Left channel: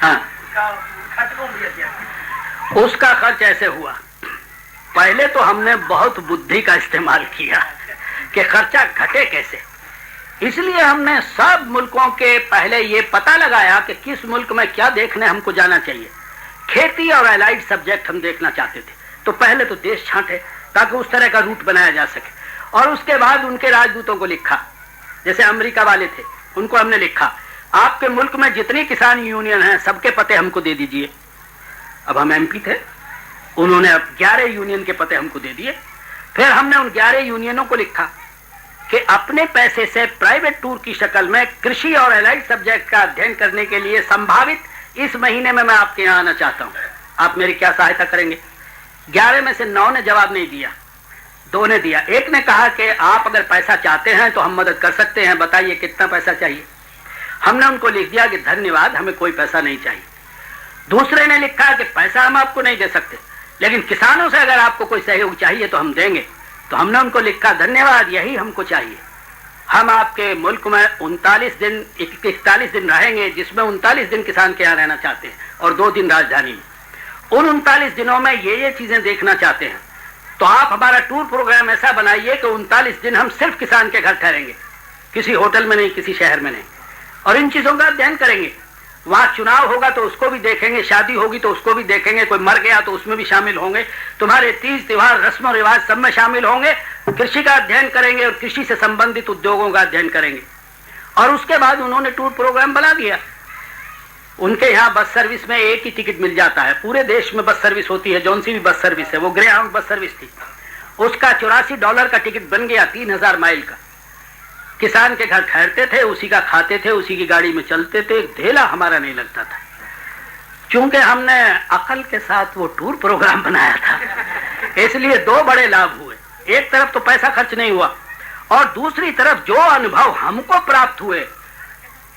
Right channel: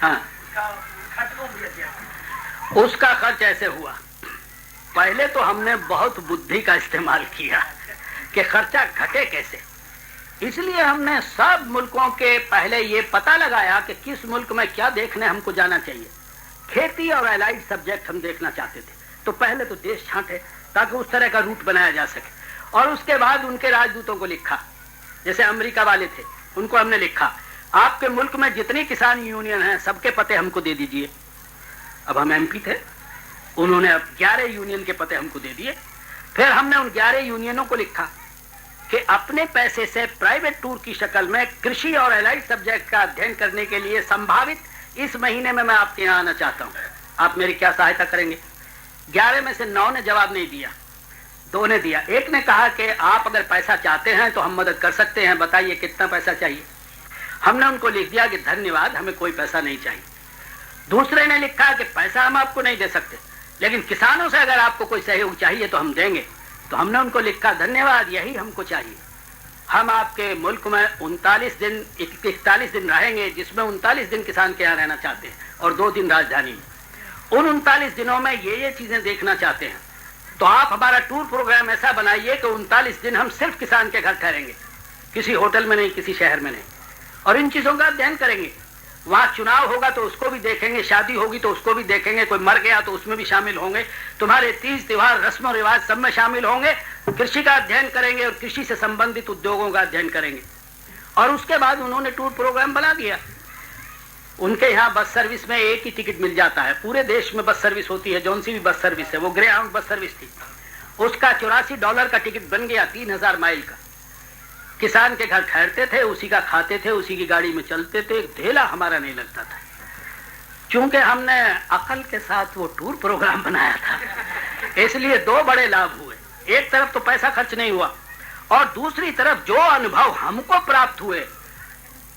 हाँ, उसका खर्च ऐसे हुआ। पहले तो हमने बहुत बुद्धि का इस्तेमाल किया कि खर्चा घटे कैसे। इसलिए हमने सब मुल्कों के पहले ये पता लगाया कि किस मुल्क में क्या देखने हमको जाना चाहिए। खेती और एलाइड सब्जेक्ट हम देखना चाहते थे, तो पहले तो देश छांटे ताकि उस तरह का रूट बनाया जा सके। और उसके बाद उनके राजदूतों को लिखा, जैसे अमेरिका वाले थे उनको हमने लिखा, आपके मुल्क में जितनी किसान यूनियन हैं सबके पते हमको दे दीजिए। अब हम एमपी थे, उन्होंने अब 11 यूनियन के पते हमको दे दिए। फिर हमने उन 11 यूनियनों को लिखा कि अपने पैसे से प्राइवेट टूर की शक्ल में कृषि और एलाइड सब्जेक्ट का अध्ययन करने के लिए संभावित इस महीने में मैं आपके यहाँ आना चाहता हूँ, आप मेरी क्या सहायता करेंगे। 11 में से 9 ने जवाब नहीं दिया, 2 ने दिया। एक ने कहा कि आप अगर पैसा चाहते हैं तो हम मदद कर सकते हैं, बताइए कितना पैसा चाहिए। हमने उनको लिख दिया कि धन्यवाद, हमें कोई पैसा नहीं चाहिए। दूसरे ने लिखा कि पैसा हम आपको नहीं दे सकते, लेकिन किसानों से अगर आपको कोई सहयोग चाहिए तो हम देंगे। तो हमने उनको लिखा, धन्यवाद, यही हमको चाहिए। हम आपके मुल्क में 41 दिन रहेंगे, जिसमें 39 दिन किसान के यहाँ रहना चाहते हैं और 2 दिन राजधानी में। उन 39 दिनों में ये चीजें देखना चाहते हैं, तो आप हमारा टूर प्रोग्राम ऐसा बनाइए कि 39 दिन हम सिर्फ किसान के घर ठहरेंगे, किसी होटल में नहीं, किसी शहर में नहीं, और इन चीजों का अध्ययन करेंगे। वहां चुनाव होगा तो उसको भी देखेंगे, शादी होगी तो उसको भी देखेंगे, कोई मर गया तो उसमें भी शामिल होंगे, तुम्हारे तीज त्योहार रस्म रिवाज सब में शामिल होंगे। कृषि का अध्ययन करेंगे और कृषि से संबंधित उद्योगों का अध्ययन करेंगे। और उसके बाद उन्होंने टूर प्रोग्राम बना दिया। उनके यहाँ बस सर्विस में एक ही टिकट मिल जाता है, पूरे देश में बस सर्विस होती है, जौन सी भी बस सर्विस है, वो ग्रेहाउंड बस सर्विस थी। उसका $84 का टिकट बन गया, 3000 माइल का। किसान के घर ठहरते थे, उसी का खाते थे, उसी की गाड़ी में चलते थे, ढेला हमारा नहीं लगता था, क्योंकि हमने अकल के साथ वो टूर प्रोग्राम बनाया था। इसलिए 2 बड़े लाभ हुए, एक तरफ तो पैसा खर्च नहीं हुआ, और दूसरी तरफ जो अनुभव हमको प्राप्त हुए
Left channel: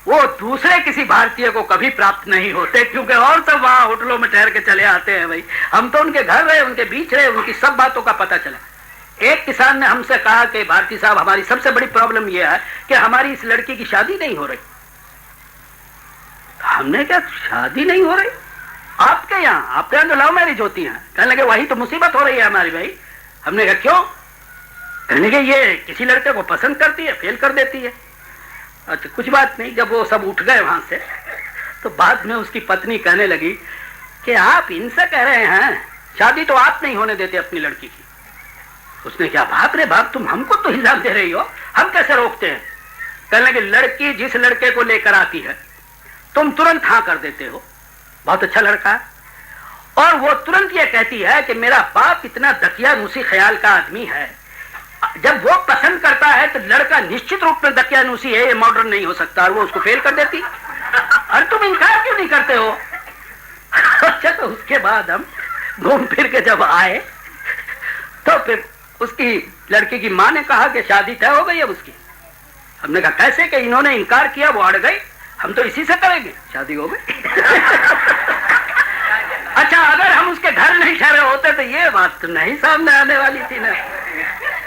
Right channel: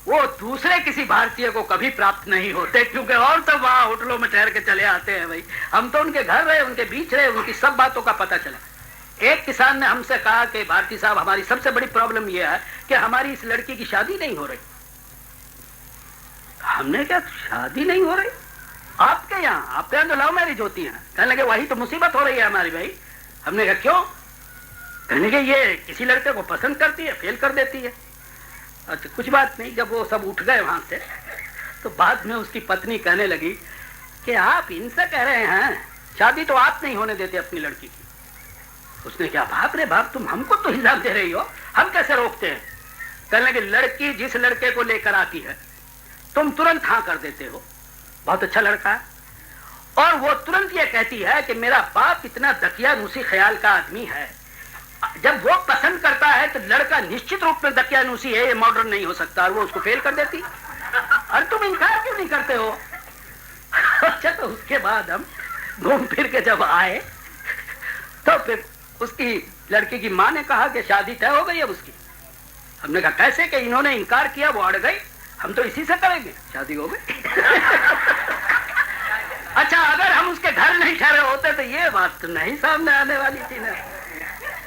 वो दूसरे किसी भारतीय को कभी प्राप्त नहीं होते, क्योंकि और सब वहां होटलों में ठहर के चले आते हैं। भाई, हम तो उनके घर रहे, उनके बीच रहे, उनकी सब बातों का पता चला। एक किसान ने हमसे कहा कि भारती साहब, हमारी सबसे बड़ी प्रॉब्लम यह है कि हमारी इस लड़की की शादी नहीं हो रही। हमने क्या, शादी नहीं हो रही आपके यहाँ तो लव मैरिज होती है। कहने लगे वही तो मुसीबत हो रही है हमारी। भाई, हमने कहा क्यों? कहने लगे ये किसी लड़के को पसंद करती है, फेल कर देती है। अच्छा, कुछ बात नहीं। जब वो सब उठ गए वहां से, तो बाद में उसकी पत्नी कहने लगी कि आप इनसे कह रहे हैं शादी तो आप नहीं होने देते अपनी लड़की की। उसने क्या, बाप रे बाप, तुम हमको तो इल्जाम दे रही हो, हम कैसे रोकते हैं? कहने लगे लड़की जिस लड़के को लेकर आती है तुम तुरंत हाँ कर देते हो, बहुत अच्छा लड़का है, और वो तुरंत ये कहती है कि मेरा बाप इतना दकियानूसी ख्याल का आदमी है। जब वो पसंद करता है तो लड़का निश्चित रूप में दकियानूसी है, ये मॉडर्न नहीं हो सकता, और वो उसको फेल कर देती। अरे तुम इनकार क्यों नहीं करते हो? अच्छा, तो उसके बाद हम घूम फिर के जब आए तो फिर उसकी लड़की की माँ ने कहा कि शादी तय हो गई अब उसकी। हमने कहा कैसे? कि इन्होंने इनकार किया, वो अड़ गई, हम तो इसी से करेंगे, शादी हो गई। अच्छा, अगर हम उसके घर नहीं ठहरे होते तो ये बात तो नहीं सामने आने वाली थी ना।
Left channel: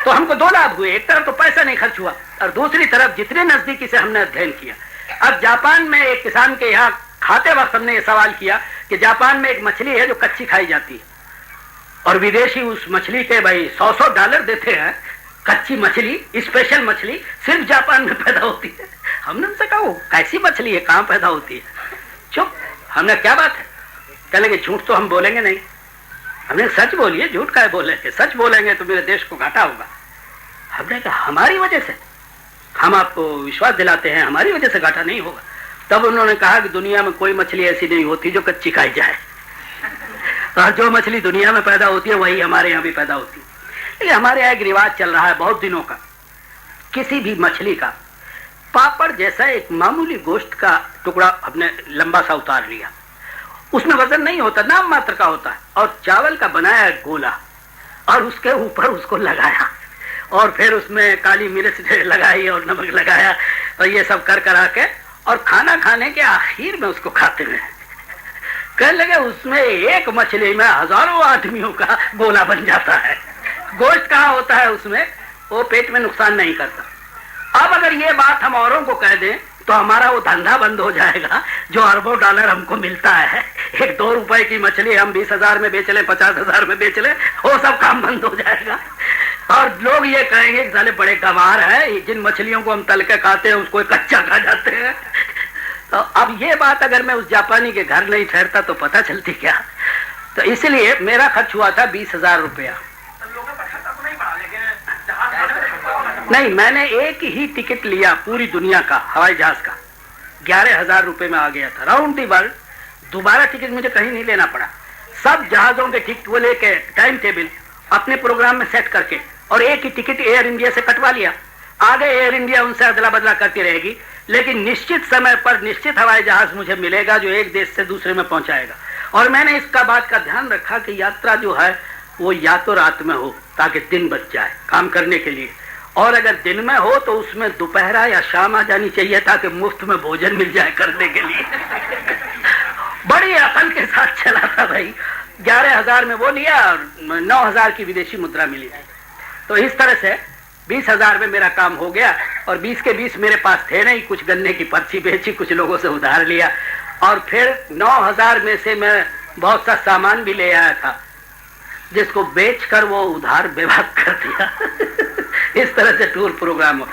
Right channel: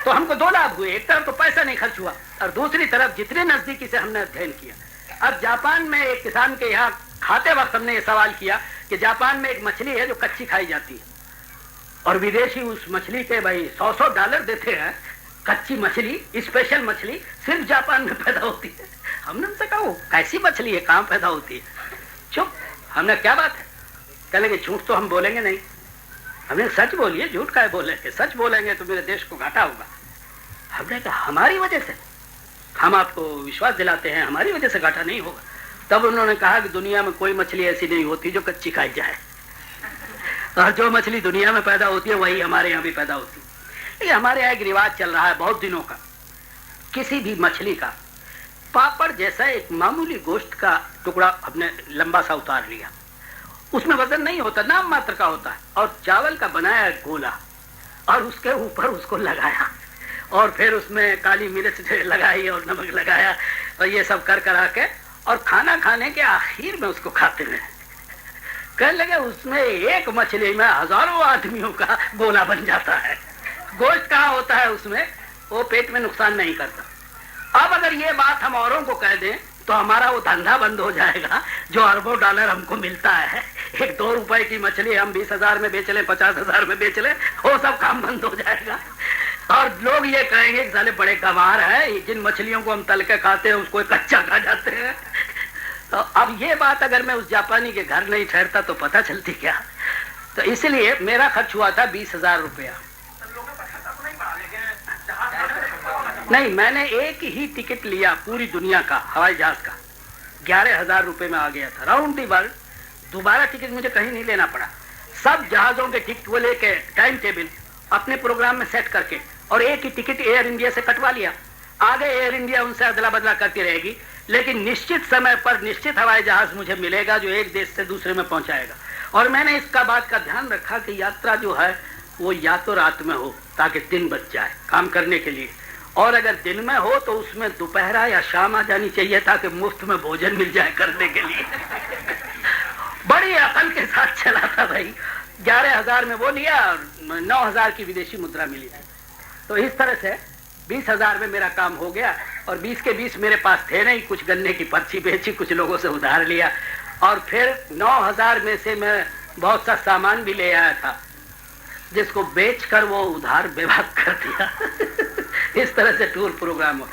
तो हमको 2 लाभ हुए, एक तरफ तो पैसा नहीं खर्च हुआ, और दूसरी तरफ जितने नजदीकी से हमने अध्ययन किया। अब जापान में एक किसान के यहाँ खाते वक्त हमने ये सवाल किया कि जापान में एक मछली है जो कच्ची खाई जाती है, और विदेशी उस मछली के भाई $100 देते हैं। कच्ची मछली, स्पेशल मछली सिर्फ जापान में पैदा होती है। हमने उनसे कहा वो कैसी मछली है, कहाँ पैदा होती है? चुप। हमने क्या बात है? कह लगे झूठ तो हम बोलेंगे नहीं। हमने सच बोलिए, झूठ काहे बोलेंगे? सच बोलेंगे तो मेरे देश को घाटा होगा। हमने कहा हमारी वजह से, हम आपको विश्वास दिलाते हैं हमारी वजह से घाटा नहीं होगा। तब उन्होंने कहा कि दुनिया में कोई मछली ऐसी नहीं होती जो कच्ची खाई जाए, और जो मछली दुनिया में पैदा होती है वही हमारे यहाँ भी पैदा होती है। लेकिन हमारे यहाँ एक रिवाज चल रहा है बहुत दिनों का, किसी भी मछली का पापड़ जैसा एक मामूली गोश्त का टुकड़ा हमने लंबा सा उतार लिया, उसमें वजन नहीं होता, नाम मात्र का होता है, और चावल का बनाया गोला, और उसके ऊपर उसको लगाया, और फिर उसमें काली मिर्च लगाई और नमक लगाया, और ये सब कर करा के, और खाना खाने के आखिर में उसको खाते हैं। कहने लगे उसमें एक मछली में हजारों आदमियों का गोला बन जाता है। गोश्त कहाँ होता है उसमें, वो पेट में नुकसान नहीं करता। अब अगर ये बात हम औरों को कह दें तो हमारा वो धंधा बंद हो जाएगा जो अरबों डॉलर हमको मिलता है। एक 2 रुपए की मछली हम 20,000 में बेच लें, 50,000 में बेच लें, वो सब काम बंद हो जाएगा। और लोग ये कहेंगे कि साले बड़े गंवार है, जिन मछलियों को हम तल के खाते हैं उसको कच्चा खा जाते हैं। तो अब ये बात अगर मैं उस जापानी के घर नहीं ठहरता तो पता चलती क्या। तो इसलिए मेरा खर्च हुआ था 20,000 रुपया। नहीं, मैंने एक ही टिकट लिया पूरी दुनिया का, हवाई जहाज का, 11,000 रुपए में आ गया था राउंड दी वर्ल्ड। दोबारा टिकट मुझे कहीं नहीं लेना पड़ा। सब जहाजों के टिकट वो लेके टाइम टेबल अपने प्रोग्राम में सेट करके और एक ही टिकट एयर इंडिया से कटवा लिया। आगे एयर इंडिया उनसे अदला बदला करती रहेगी, लेकिन निश्चित समय पर निश्चित हवाई जहाज मुझे मिलेगा जो एक देश से दूसरे में पहुंचाएगा। और मैंने इसका बात का ध्यान रखा कि यात्रा जो है वो या तो रात में हो ताकि दिन बच जाए काम करने के लिए, और अगर दिन में हो तो उसमें दोपहरा या शाम आ जानी चाहिए ताकि मुफ्त में भोजन मिल जाए करने के लिए। बड़ी अकल के साथ चला था भाई। 11,000 में वो लिया और 9,000 की विदेशी मुद्रा मिली थी। तो इस तरह से 20,000 में मेरा काम हो गया। और 20 के 20 मेरे पास थे नहीं, कुछ गन्ने की पर्ची बेची, कुछ लोगों से उधार लिया, और फिर 9,000 में से मैं बहुत सा सामान भी ले आया था जिसको बेचकर वो उधार बेवाक कर दिया। इस तरह से टूर प्रोग्राम हो।